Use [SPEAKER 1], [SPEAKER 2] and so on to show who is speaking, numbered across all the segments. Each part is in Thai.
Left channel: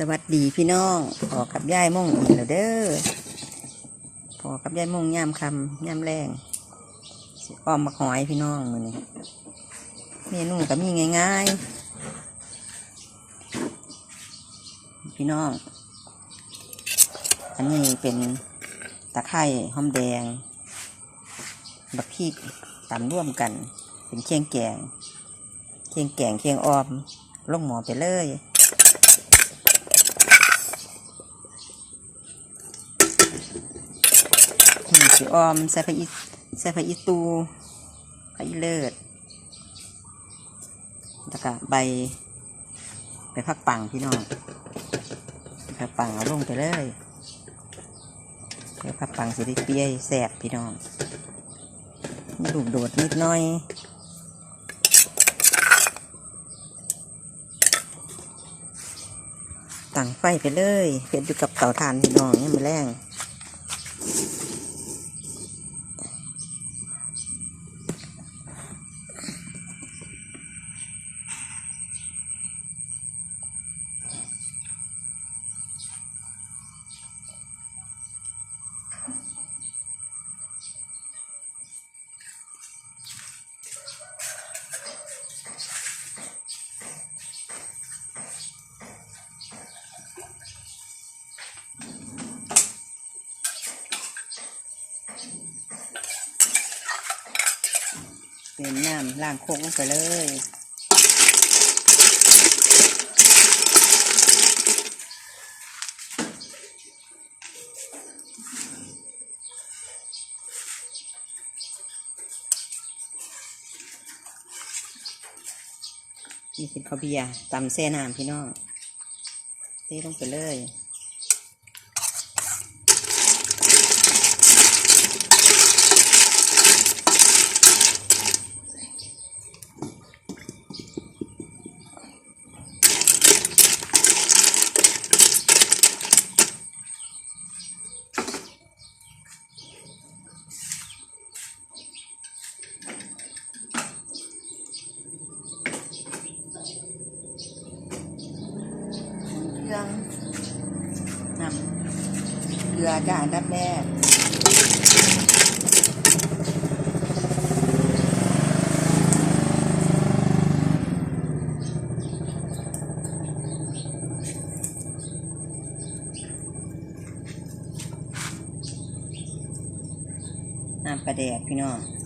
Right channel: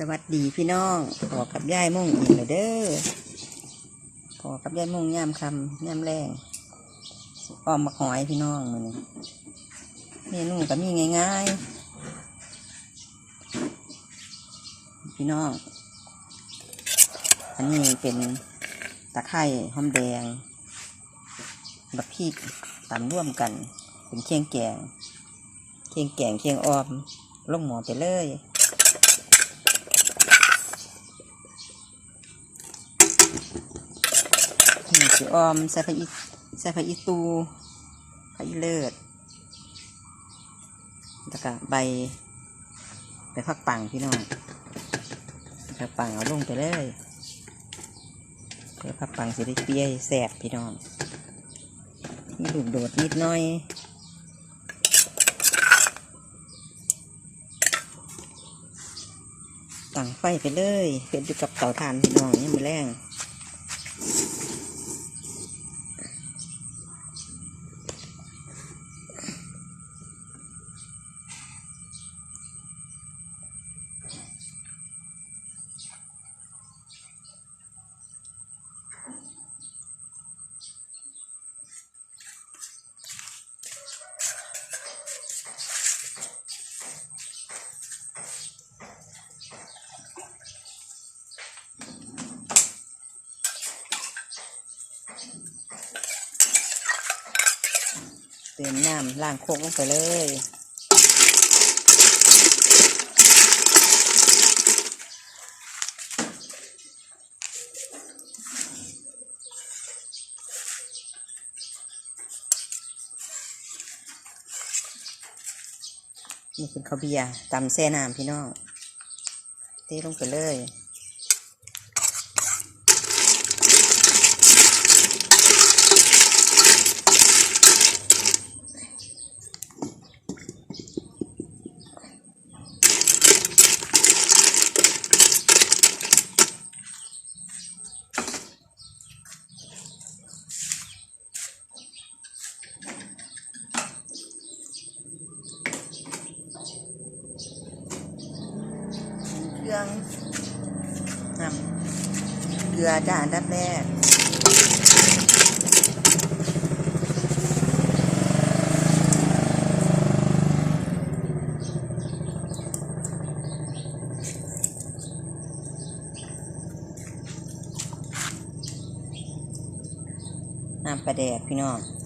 [SPEAKER 1] สวัสดีพี่น้องพอกับยายม่งอีกแล้วเด้อพอกับยายม่งย่ามคำย่ามแรงอ้อมมาหอยพี่น้องมือนี้เมนูก็มีง่ายๆ พี่น้อง อันนี้เป็นตะไคร่หอมแดง บักพริกตำร่วมกัน เป็นเคียงแกง เคียงแกงเคียงออมลงหมอไปเลย นี่ สีออม ใส่ผักอีใส่ผักอีตูผักอีเลิศแล้วก็ใบใบผักปังพี่น้องผักปังเอาลงไปเลยใบผักปังสีได้เปี้ยแสบพี่น้องมีลูกโดดนิดหน้อยตั้งไฟไปเลยเผ็ดอยู่กับเตาถ่านพี่น้องยังไม่แรง เติมน้ำล้างโคกลงไปเลยนี่เป็นข้าวเบียร์ตำแซ่น้ำพี่น้องเทลงไปเลย ลือจ้าอันดับแรกน้ำปลาแดกพี่น้อง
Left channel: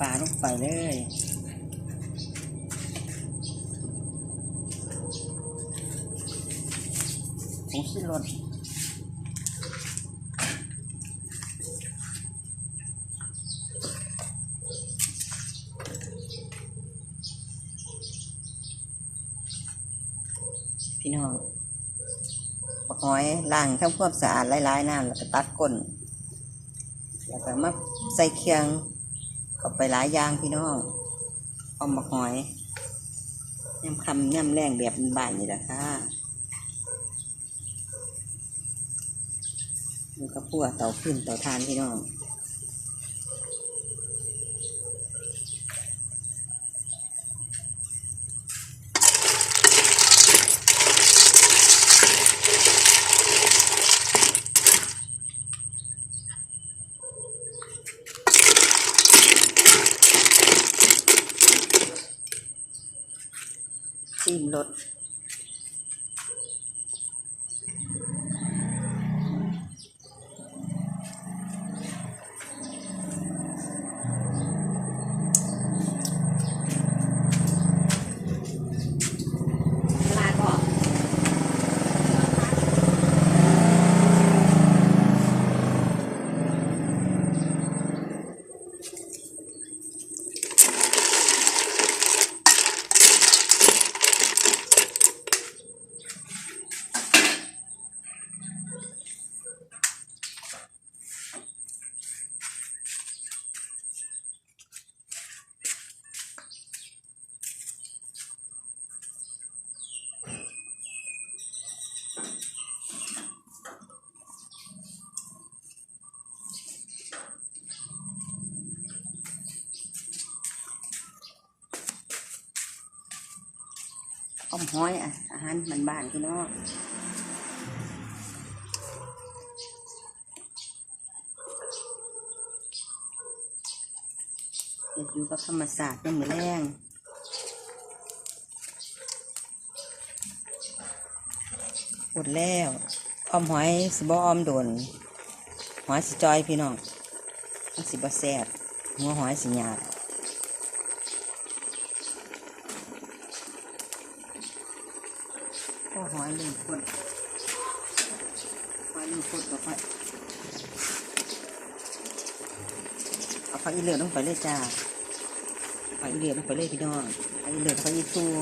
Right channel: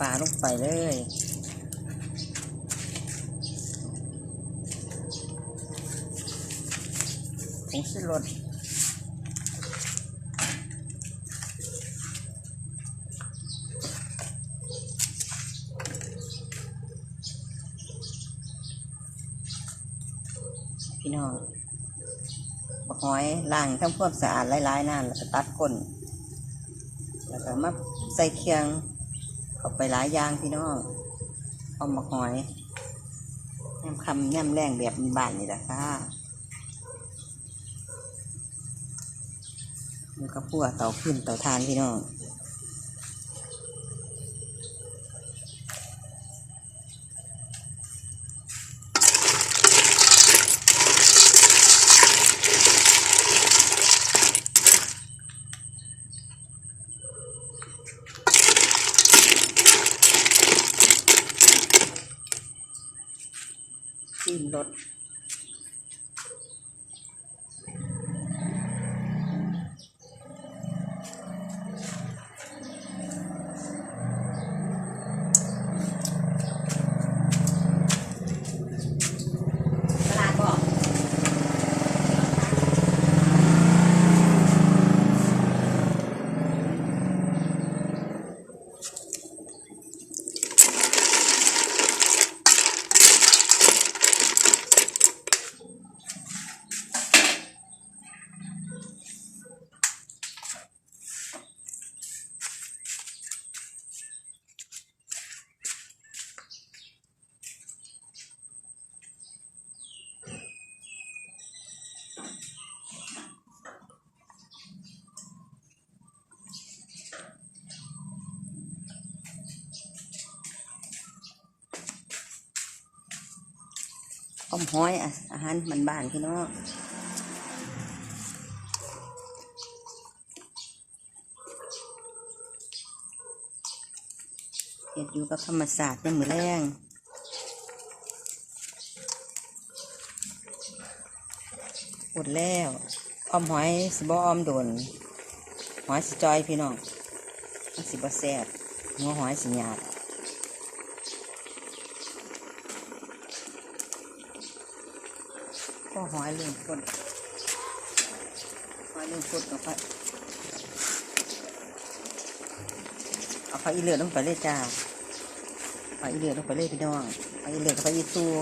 [SPEAKER 1] ปลาลงไปเลยผงชูรสพี่น้องบักหอยล้างทำความสะอาดหลายๆน้ำแล้วก็ตัดก้น แล้วก็มาใส่เคียง เข้าไปหลายอย่างพี่น้องเอามาหอยย่ำคำย่ำแรงแบบบ้านนี่แหละค่ะมันก็พัวเต่าขึ้นเต่าทานพี่น้อง ซีมรสลาบอก
[SPEAKER 2] เอ้
[SPEAKER 1] อมห้อยอะอาหารมันบ้านๆพี่น้องเห็ดอยู่กับธรรมศาสตร์ยังมือแรงหมดแล้วอ้อมหอยสิบอ้อมโดนหอยสิจอยพี่น้องสิบ่แซ่บหัวหอยสิหยาบ ก็หอยลุงคนหอยลุงคนเอาไปเอาไปอีเหลือลงไปเลยจ้าไปอีเหลือลงไปเลยพี่น้องไปอีเหลือไปอีตัว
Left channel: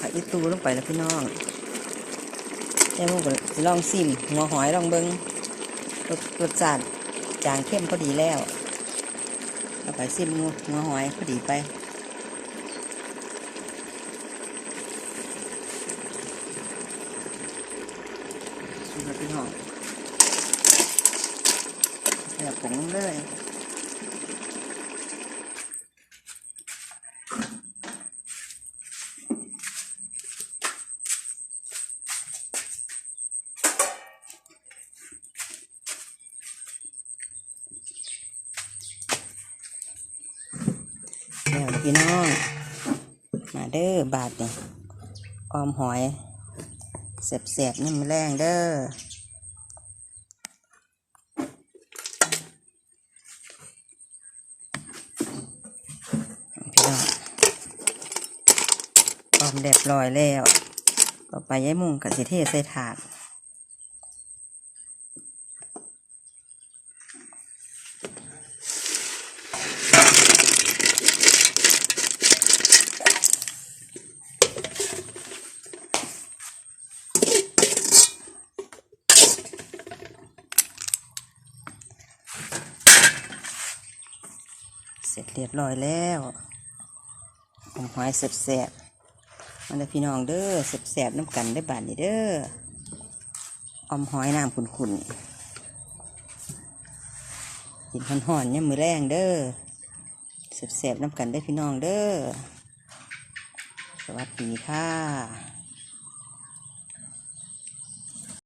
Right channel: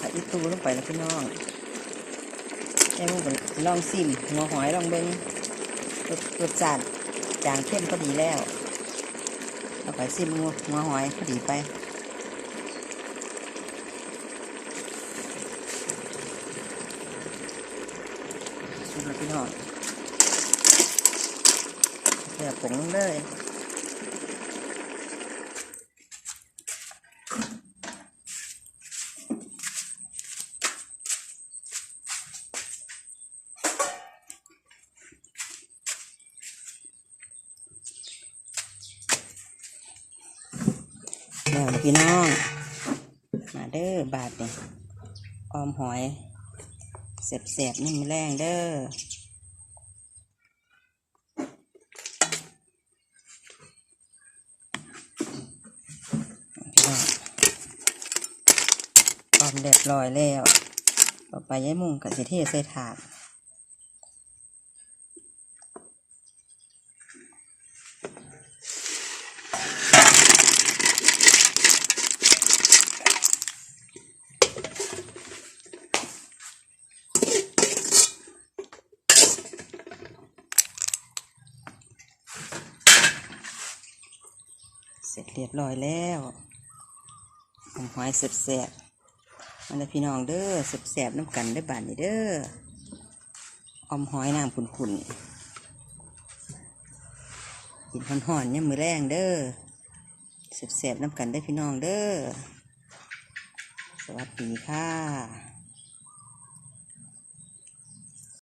[SPEAKER 1] อาอีเหลือเอาอีตูลงไปเลยพี่น้องแล้วมึงก็สิลองซิมหัวหอยลองเบิ้งรสรสชาติจางเข้มพอดีแล้วเอาไปซิมหัวหอยพอดีไปพี่น้องเดี๋ยวผงเลย บาทเนี่ยออมหอยเสียบๆนี่มันแรงเด้อพี่น้องออมเรียบร้อยแล้ว ต่อไปย้ายมุงกับสิเทใส่ถาด ร็จเรียบร้อยแล้วออมหอยเสียบๆมาเลยพี่น้องเด้อเสียบๆน้ำกันได้บานนี่เด้ออมหอยน้ำขุ่นๆกินห่อนๆเนี่ยมือแรงเด้อเสียบๆน้ำกันได้พี่น้องเด้อ สวัสดีค่ะ